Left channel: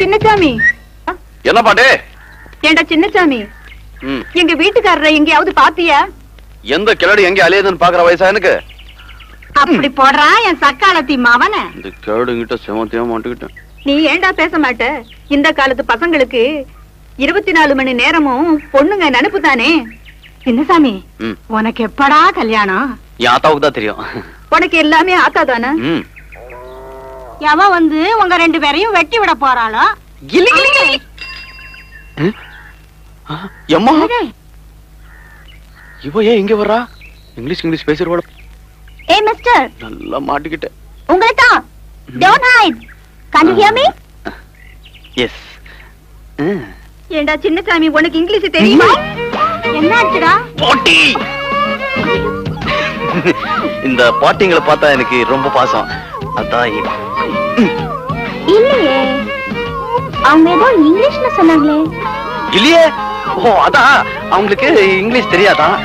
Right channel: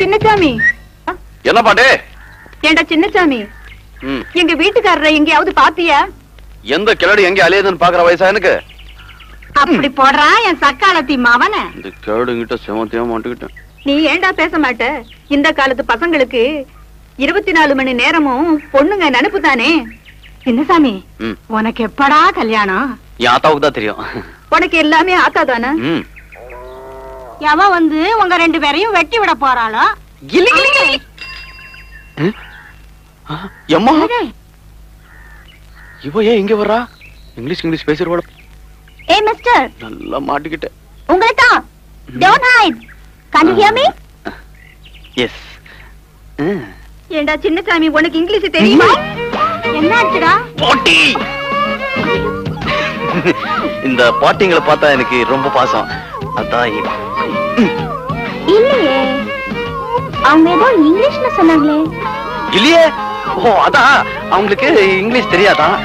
சின்னசாமி. என்ன பாட்டு? ஏண்டா சின்னசாமி, எங்க வீட்டுக்காரரை எங்கேயாவது பாத்தியா? எந்த கிளடி எங்க அலையுதுன்னு பாக்குற வயசா எனக்கு? அப்படி போடுறா என் சக்காலத்தி மவன. இந்த கிளடுங்கிட்ட செமத்தியா மாட்டுக்கிட்டேன். நீ ஏண்டா பேச மாட்ட? இந்த காலத்து பசங்களுக்கு 24 மணி நேரமும் பொண்ணுங்க நினைப்பு தானே. சின்னசாமி, உனக்கு எப்படா கல்யாணம்? என் ஆத்தாவுக்கு தான் தெரியும். உனக்கு எல்லாமே ஆத்தா தானே? எவ வந்து உங்க 2 பேரையும் வெட்டி விட போறாளோ? எம்மா, இவ ஏன் இங்க வர்றா? இங்கிலீஷ் பேசுறவள. ஏய் மிஸ்டர், நல்லா மாட்டிக்கிட்டே. உங்களை தான். Don't hide. Can you hear me? Yes. ஏண்டா சின்னசாமி, உனக்கு இங்கிலீஷ் தெரியுமா? என்ன ஆச்சுடா? பாட்டி. இந்த பாட்டிங்களை பார்த்தா எனக்கு ரொம்ப பாசம். அதான் இல்லையே, அவங்க ஏதோ இங்கிலீஷ்ல சொன்னாங்களே. இல்லையே. ஓ, அதான் அவங்களுக்கு இங்கிலீஷ் தெரியாதான்.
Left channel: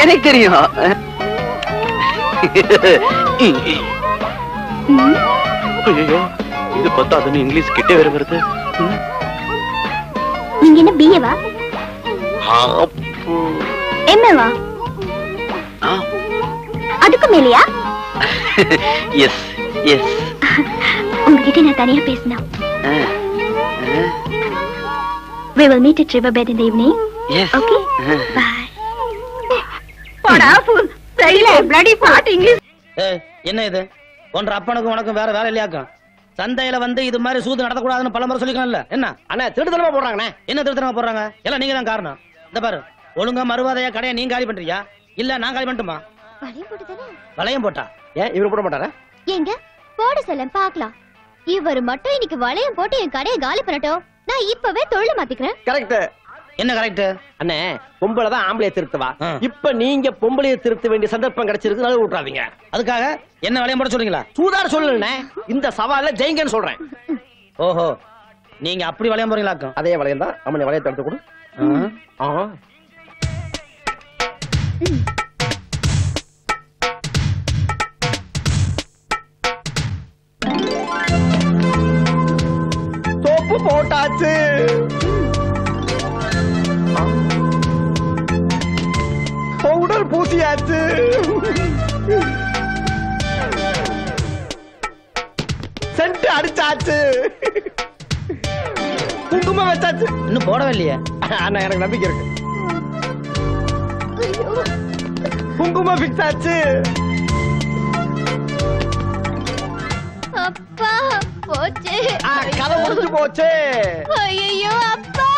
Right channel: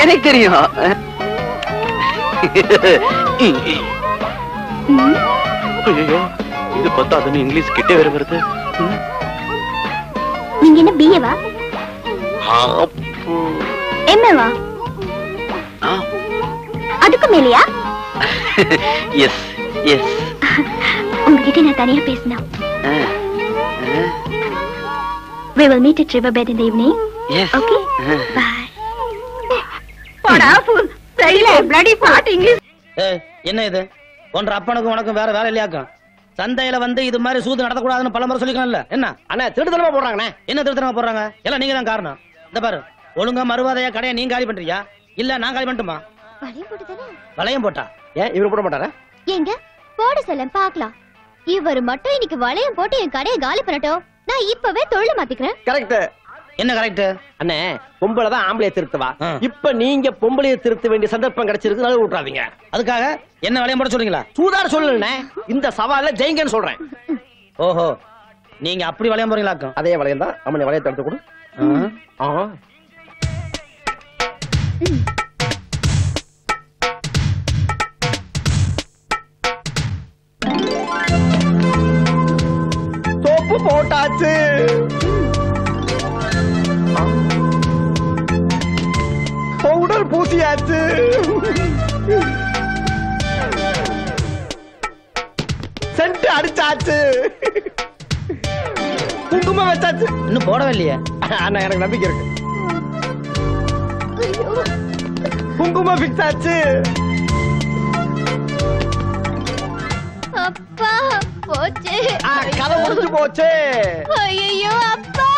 எனக்கு தெரியும். ஐயோ, இது பார்த்தா அதுன்னு இங்கிலீஷ் கிட்டே வேற வருது. நீங்க என்ன பிஏவா? எம்ஏவா? அதுக்கு மேலையா? Yes yes. உங்ககிட்ட நான் தனியா பேசணும். We will meet at Riverbed in the evening. Yes. Okay. Bye. போடா fool. சரியில்ல, bloody fat English. என்ன இது? ஒன்ற அப்பனுக்கு உனக்கு வேற வேற இல்லையாக்கும். சந்தையில வந்து இது மாதிரி சூது நடத்தக்கூடாதுன்னு பல முறை சொல்லிக்கலாம்ல. என்ன அண்ணா திருத்தனமா போடுறாங்கண்ணே? என்ன திருத்தனமா போடுறாங்க? எல்லாம் நீங்க தான் காரணம். இந்த பாரு, ஒழுங்கா மறுவாதையா கடையை நீங்க காலி பண்றியா இல்ல நான் காலி பண்ணட்டுமா? வளையம் போட்டுதானே? வளையம் போட்டா ஏன் இவரு போட மாட்டாரா? எங்க போட சொல்ல பாக்கலாம். இவர் மட்டும் இன்னைக்கு வளையம் போட்டு என் கடையை காலி பண்ணட்டும். நான் இப்பவே தொழில மாத்திக்கிறேன். கரெக்ட். என்ன கரெக்ட்? அண்ணே, பொம்பளை தான் ஆம்பளைய திருத்துவா. இப்ப நீங்க பொம்பளைய திருத்த வேண்டிய சந்தர்ப்பம் கிடைச்சிருக்கு, நழுவ விட்டுறாதீங்க. அதுக்காக என்ன வளையம் போட சொல்றீங்களா? சூதார சொல்லணும்னே, இந்த சவால ஜெயிங்கன்னு சொல்றேன். ஓஹோ, நீங்க அப்படி வளையம் போறீங்களாக்கும்? அதே வளையம் தான். அம்மனை வளையத்தை எடுத்து கொடு. சோப்பு போட்டாச்சு. பவுடர் பூசியாச்சு. சென்ட் அடிச்சாச்சு. குங்குமம் வச்சாச்சு. இன்னும் போடவே இல்லையே. அண்ணா, எனக்கு நம்பிக்கை இருக்கு. குங்குமம் ஃபிக்ஸ் ஆச்சு. அப்பா போச்சு. கதை முடிஞ்சு போச்சு. ஐயோ அப்பா.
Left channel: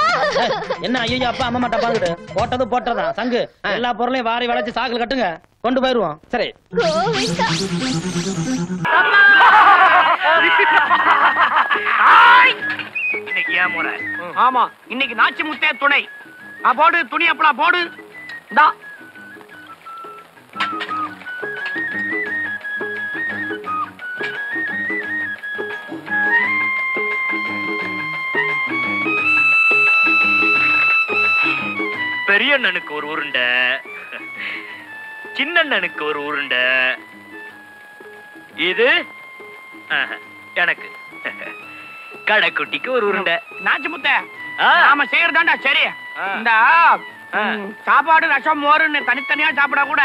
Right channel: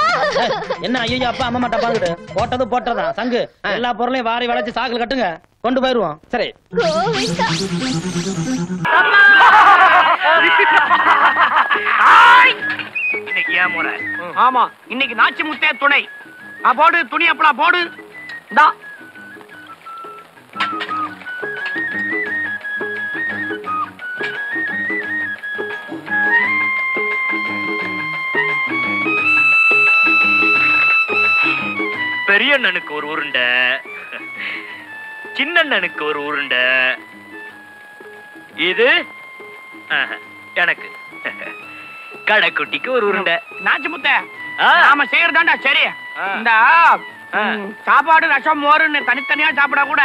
என்ன ஐயோ அப்பா அம்மா மாட்டா பாத்துட்டு போட்டது போட்டதா சங்கு எல்லா பொருளையும் வாரி வளைச்சு சாக்குல கட்டுங்க, கொண்டு போயிருவோம். சரி. இன்னைக்கு ஏன் முறை? ஆமா, இன்னைக்கு நாச்சி முத்தே துணை. போடு துணி அப்பளா போடு. பெரியண்ணனுக்கு ஒரு உருண்டை, சின்னண்ணனுக்கு ஒரு உருண்டை, இது எனக்கு, கடைக்குட்டிக்கு ஒரு உருண்டை. நாச்சு முத்த நாம செய்யறதாண்டா சரி. இந்த சாப்பாடு ரசம் மோருன்னு தனித்தனியா சாப்பிட கூட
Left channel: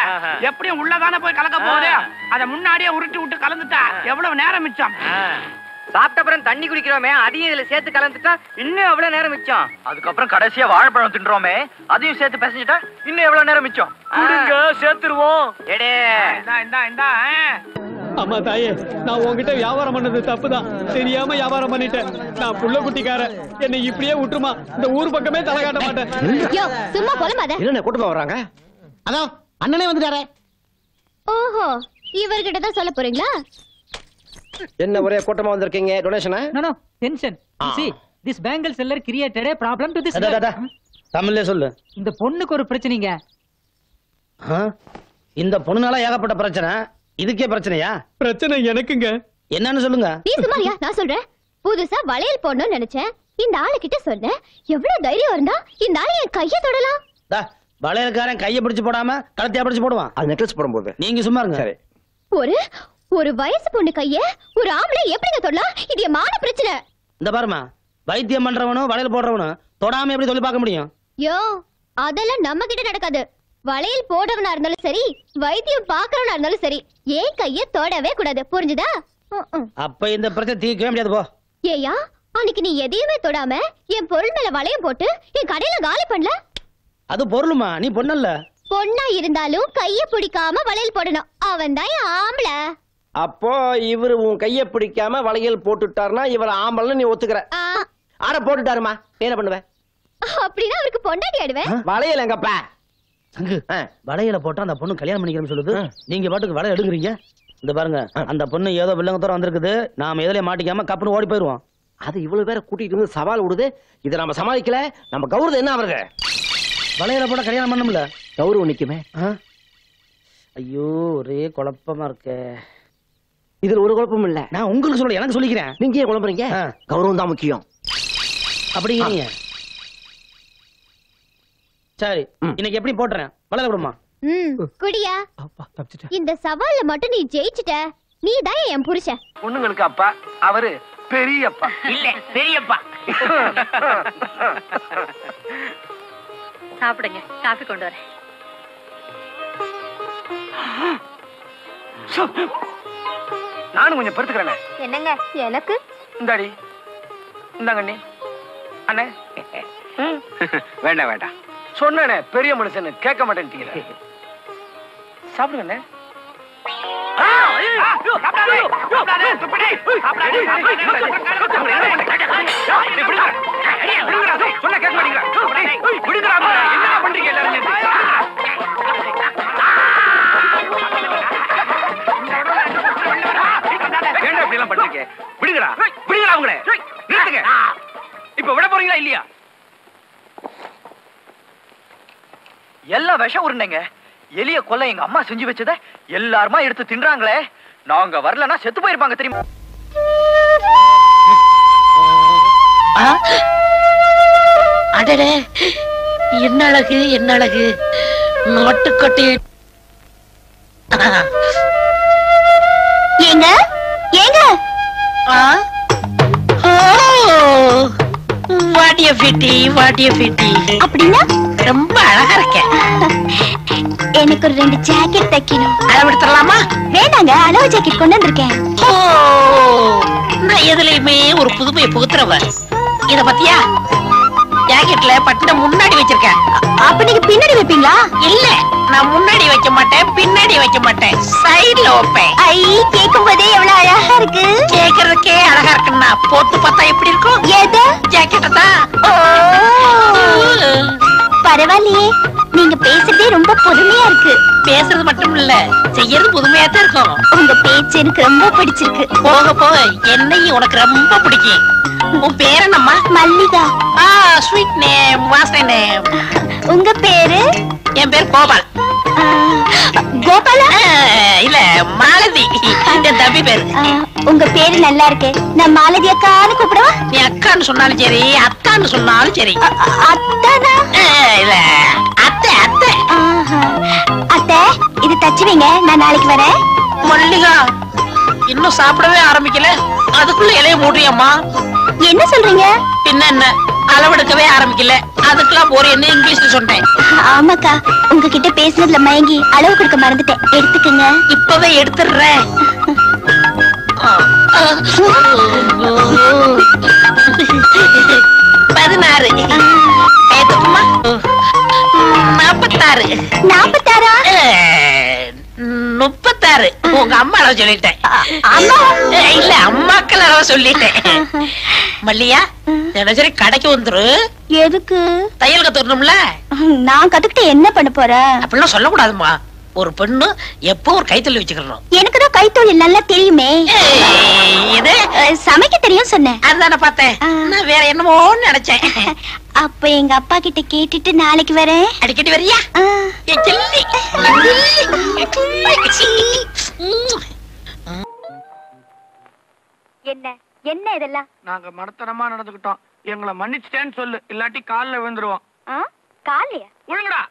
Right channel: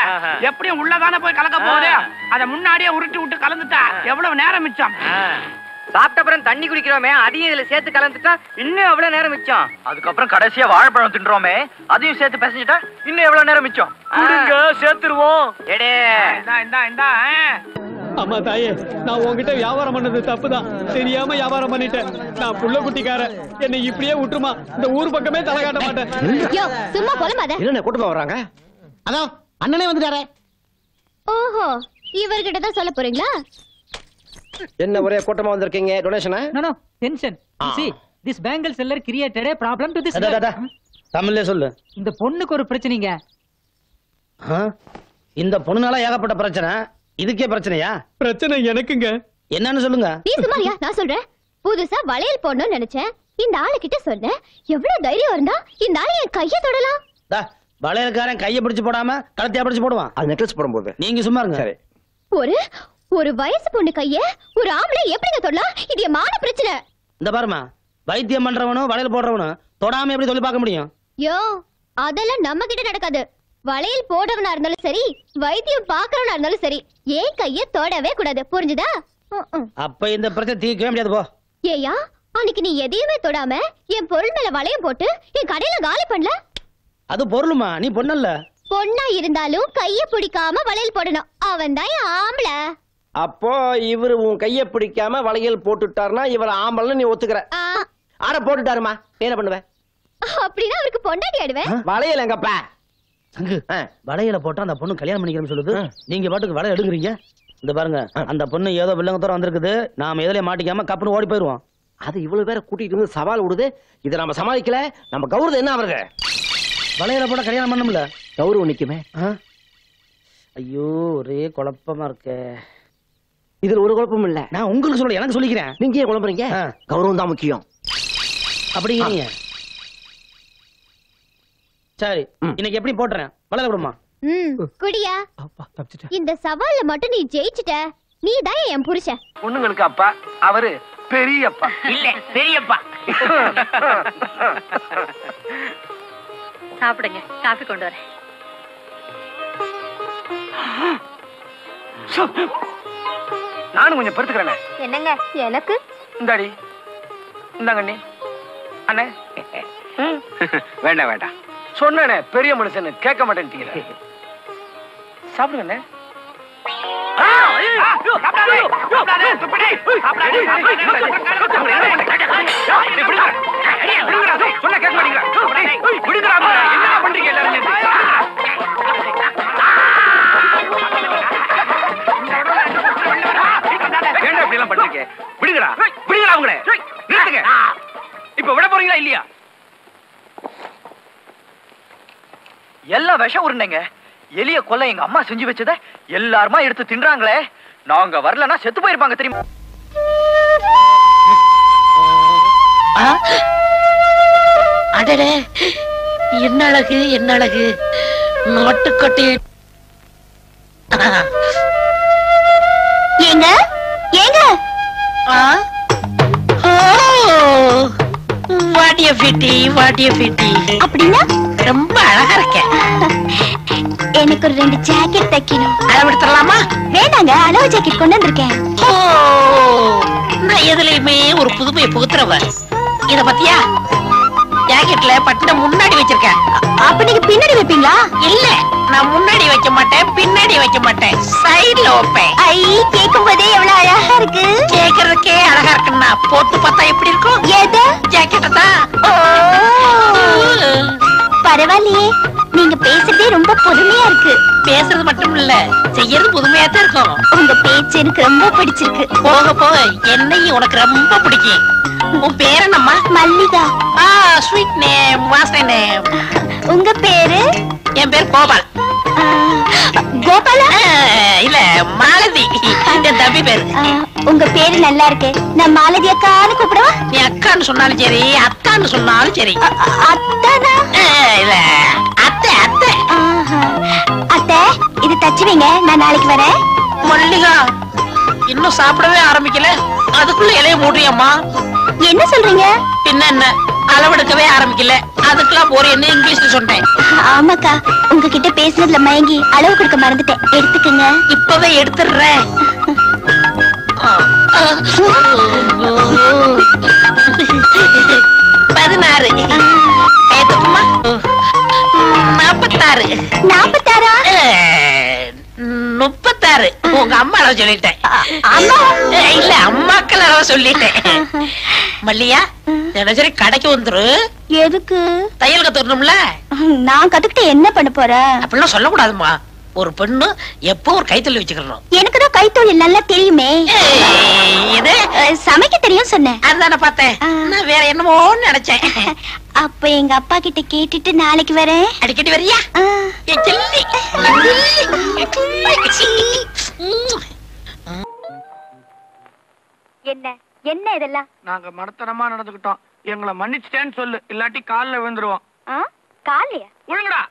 எப்படியும் உள்ளதானே போய் கலக்க போகுது. அத முன்னாடியே உருட்டி விட்டு கலந்துட்டா எவ்வளவு நேரம் மிச்சம். சாப்பிட்ட அப்புறம் தண்ணி குடிக்கிறோமே, அதையும் இதுல சேர்த்து கலந்துட்டா இன்னும் எவ்வளவு நேரம் மிச்சம். அதுக்கப்புறம் கடைசியா வாழைப்பழம் தின்றோமே, அதையும் சேர்த்து பேசிட்டா இன்னும் எவ்வளவு நேரம் மிச்சம். சேர்த்துருவோம். அம்மா தாயே, நான் உங்ககிட்ட வியாபாரம் பண்ணது தப்புதான். தெரியாம வியாபாரம் பண்ணிட்டேன். நான் புள்ள குட்டிக்கார, என்னை இப்படியே விட்டுருமா? இந்த ஊர் பக்கமே தலை காட்ட மாட்டேன். சும்மா போலமாத. என்ன கூட்டமா வர்றாங்க? அதோ அண்ணனே வந்துட்டாரே. ஓஹோ, இவர்கிட்ட தான் சொல்ல போறீங்களா? என்ன ஒரே கூட்டமா வந்திருக்கீங்க? டொனேஷனா? No, no, tension. You see, this bangle seller created a problem to this girl. தமிழ்ல சொல்லு. இந்த பொண்ணுக்கு ஒரு பிரச்சனைங்க. இந்த பொண்ணுனால ஏகப்பட்ட பிரச்சனை. இதுக்கே பிரச்சனையா? பிரச்சனை எனக்குங்க. என்னன்னு சொல்லுங்க. நீ சும்மாரியா, நான் சொல்றேன். புதுசா வளையல் போடணும்னு நினைச்சேன். இந்த ஆளு கிட்ட சொன்னேன். எவ்வளவு தைரியம் இருந்தா இந்த ஆளு என் கைய தொடலாம். வளையல்காரன் கைய பிடிச்சு போடாம கழுத்தையா பிடிச்சு போடுவான். அது நெக்லஸ் போடும்போது. நீங்க சும்மா இருங்க. சரி. ஒரு ஒரு வயசு பொண்ணு கைய ஒரு ஆம்பளை எப்படிங்க தொடலாம்? இது என் மான பிரச்சனை. இந்த பாருமா, வைத்தியம் பண்றவனும் வளையல் போடுறவனும் தொடாம எப்படி சொல்லி பார்க்க முடியும்? யோ, அதெல்லாம் நம்ம கிட்ட நடக்காது. வளையல் போடுறவனா இருந்தாலும் சரி, வைத்தியம் பாக்குறவனா இருந்தாலும் சரி, ஏன் கைய தொடவே கூடாது. புரிஞ்சுதா? அப்ப இந்த பிரச்சனை தீர்க்கவே முடியாது போ. ஏயா, அன்னைக்கு நீ எதையுமே தொடாம என் பொருள் மேல வளையம் போட்டு என் கடையில காலி பண்ணல. அது பொருளுமா, நீ பொண்ணல்ல. பொண்ணா இருந்தாலும் கைய பிடிக்காம வளையல் போடணும். அவன் தான் ஆம்பளை. அப்போ இவரு உன் கைய பிடிக்காம வளையல் போட்டுட்டாருன்னா இவர ஆம்பளன்னு நீ ஒத்துக்கிற? ஆட போட்டுட்டாருமா, என்ன பண்ணுவ? அப்படின்னா அவருக்கு பொண்டாட்டி ஆடுவேன். வளையல் எங்கப்பா? சங்கு, வளையல போட்டா அந்த பொண்ணு கல்யாணம் பண்ணிக்கிறேன்னு சொல்லுது. நீங்க பாட்டுக்கு வளையல் எடுக்குறீங்க. இந்த பாருங்க, அந்த பொண்ணு ஏதோ வில்லங்கத்தோட வந்திருக்குது. நாம எதுலயே மாட்டிக்காம கப்புன்னு ஓடி போயிருவோம். அது இவ்வளவு பேரை கூட்டிட்டு வந்து சவால் விடுது. இதை நம்ம சமாளிக்கல, நம்ம கௌரவம் என்ன ஆகுறது? வளையல போட கல்யாணம் பண்ணணும்ல, கௌரவம் நிக்குமே. ஐயோ, ஒரே குழப்பமா இருக்க. இதுல ஒரு குழப்பம் இல்ல. நான் உங்களுக்கு சொல்ல, எனக்கு சொல்லிக்கிறேன். நீங்க ஏன் குழம்புறீங்க? கௌரவம் தான் முக்கியம் அப்படிங்கிறீங்க. சரி, இன்னைக்கு எப்படி போட்டுறேன்? வளையல விடுமா? குடியா. இந்த சவால்ல மட்டும் நீ ஜெயிச்சிட்ட, நீ தான் என் புருஷன். பொண்ணுங்களுக்கு அப்பா, அவரு பெரியப்பா. இல்ல, பெரியப்பா. சாப்பிடுங்க, காபி கொண்டு வரேன். நானும் கொஞ்சம் படுத்துக்கிறேன். என்னங்க எனக்கு? இந்தாடி, இந்தாங்க அண்ணி. அண்ணே வேண்டாம் வேண்டாம் சொன்னே, பெரிய மனுஷன் கேட்க மாட்டேன்ட்டீங்க. சாப்பிடுங்க அண்ணே. சொன்ன கேட்க மாட்டீங்களா? என்ன பண்றீங்க எல்லாரும்? ஏன்டா இப்படி எல்லாம் பண்றீங்க? விடுங்கடா, விடுங்கடா அவங்கள. நிறுத்துங்க. இப்ப விட போறீங்களா இல்லையா? எல்லாம் விஷம் உருண்டைங்க. எலிய கொல்ல எங்க அம்மா செஞ்சு வச்சத எல்லாருமா எடுத்து தின்றாங்களே. நாங்க வரலன்னா செத்து போயிருப்பாங்க தெரியுமா? அடடே, என்ன அழகு, என்ன அழகு. நாட்டுக்கொட்டை. ஏங்க ஏங்க, வாடிய பிட்டி, வாடிய பிட்டி. அப்படின்னா ரொம்ப அழகா இருக்க. எனக்கு ஒரு 2 ஜாக்கெட் தைக்கணும். அளவெடுத்துடலாமா? வேண்டாங்க, அளவு ஜாக்கெட் கொண்டு வந்திருக்கேன். நான் எதுலயுமே ஒரு புதுமையை புகுத்துறவ. இத பத்தியா? ஜாக்கெட்ல பட்டனை முன்னாடி வச்சிருக்கேன். அப்ப நீங்க பின்னாடி வைப்பீங்களா? இல்ல, நான் முன்னாடி வைக்க மாட்டேன், பின்னாடி வைக்க மாட்டேன், சைடுல வைப்பேன். ஐ, கேட்கும் போதே எவ்வளவு அழகா இருக்கு. கேக்குறதுக்கே அழகா இருக்குன்னா போட்டு பார்த்தா எப்படி இருக்கும்? எது? ஜாக்கெட்ட தான். பரவாயில்லையே, நீங்க பேசுறதே ரொம்ப புதுமையா இருக்கு. பேசுறது மட்டும் இல்ல, செய்யறது புதுமையா தான் இருக்கும். உங்க பேச்சு எனக்கு ரொம்ப பிடிச்சிருக்கு. போக போக என்னையும் உனக்கு ரொம்ப பிடிக்கும். உன் பேர் என்னம்மா? மல்லிகா. ஸ்வீட் நேம், வாசனை நேம். உங்க பேரு? என் பேர் கோபால். கோபாலா? இல்ல, மாலதி. என் தம்பி பேரு. உங்க பேரு நல்லா இருக்கு. நான் மாலதி அக்கான்னு கூப்பிடுவா? நீ அக்கான்னு சொன்னாலும் சரி, அத்தான்னு சொன்னாலும் சரி. அத்தானா? இல்ல, அத்தை அத்தை. அத்தை, இது தச்சு வைங்க, நான் நாளைக்கு வரேன். மல்லிகா, இன்னும் சாப்பிடவே ஆரம்பிக்கல, அதுக்குள்ள இலைய மூடுறியம்மா. என்ன சொல்றீங்க? பின்ன என்ன, அளவெடுக்கவே ஆரம்பிக்கல, அதுக்கெல்லாம் போற என்ன இங்கிலீஷ்ல சொன்னேன். ஆமாக்கா, உங்ககிட்ட பேசுனதுல மயங்கி அளவு கொடுக்க மறந்துட்டேன். எடுத்துக்கங்க. இப்பவே எடுத்துடுறேன். 16. ஏத்துக்குமா? 46. 46? 36. உங்க அம்மா அளவு சொல்லிட்டேன். அம்மா? இல்ல, அம்மாக்கள் அளவு சொல்லிட்டேன். மல்லியா, தினசரி கடைக்கு வந்துரு. எதுக்கு? தையல் கத்துக்கணும்ல. நான் கத்துக்கிட்டு என்ன பண்ண போறேன்? அப்படிலாம் சொல்லக்கூடாதுமா. ஒரு பெண்ணு எப்போ ஒரு கைத்தொழில் வச்சுக்கணும். எனக்கு தான் கைத்தொழில் நல்லா தெரியுமே. இது சமைக்க தெரியும் சொன்னேன். அதுதானே பார்த்தேன். நான் வேற என்னமோ நினைச்சேன். அப்ப எங்க அப்பா கிட்ட கேட்டுட்டு நாளைக்கு வரேன். அடிக்கடி வரியா? என்ன என்ன இதெல்லாம்? நாங்க மடத்தனமா நடந்துக்கிட்டோம், எங்களை மன்னிச்சிட்டேன்னு சொல்லு, இல்லாட்டி கால்ல விழுந்துருவோம். காலையா? ஒழுங்கடா.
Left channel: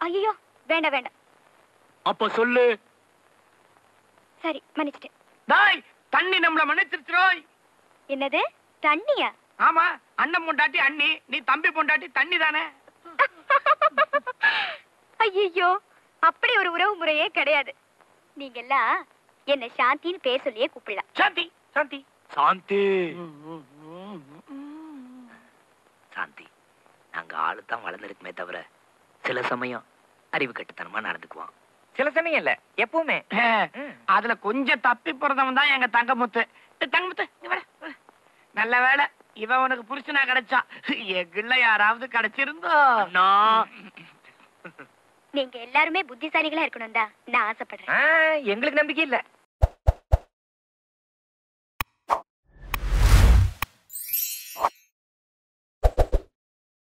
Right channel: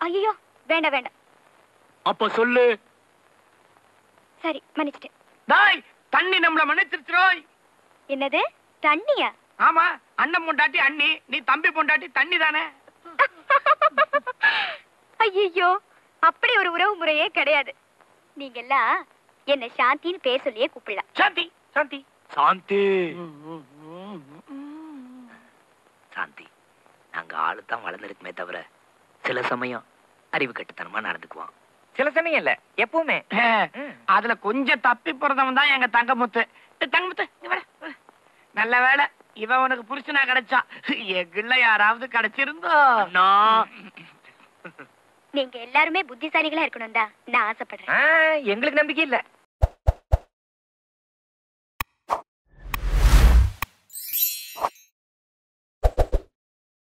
ஐயோ, வேண்டாம் வேண்டாம். அப்ப சொல்லு. சரி, மன்னிச்சிட்டேன். தாய் தண்ணி நம்மள மன்னிச்சிருச்சுரோய். என்னது தண்ணியா? ஆமா, அண்ணன் பொண்டாட்டி அண்ணி, நீ தம்பி பொண்டாட்டி தண்ணி தானே. ஐயோ, அப்படி ஒரு உறவு முறையே கிடையாது. நீங்க எல்லாம் என்ன சாந்தின்னு பேர் சொல்லியே கூப்பிடலாம். சாந்தி சாந்தி சாந்தி சாந்தி, நாங்க ஆளுதான் வளர்ந்துருக்குமே தவிர சில சமயம் அறிவு கட்டுத்தனமா நடந்துக்குவோம். சில சமயம் இல்ல, எப்பவுமே. அதுல கொஞ்சம் தப்பி போறதவன் தான் எங்க தங்கமுத்து. தங்கமுத்து இங்க வர. நல்ல வேளை இவன் உனக்கு புருஷனா கிடைச்சா. எங்குள்ள யாராவது கிடைச்சிருந்தோ. நீங்க எல்லாருமே புத்திசாலிகளா இருக்கணும் தான் நான் ஆசைப்படுறேன். எங்களுக்கு நம்பிக்கை இல்ல.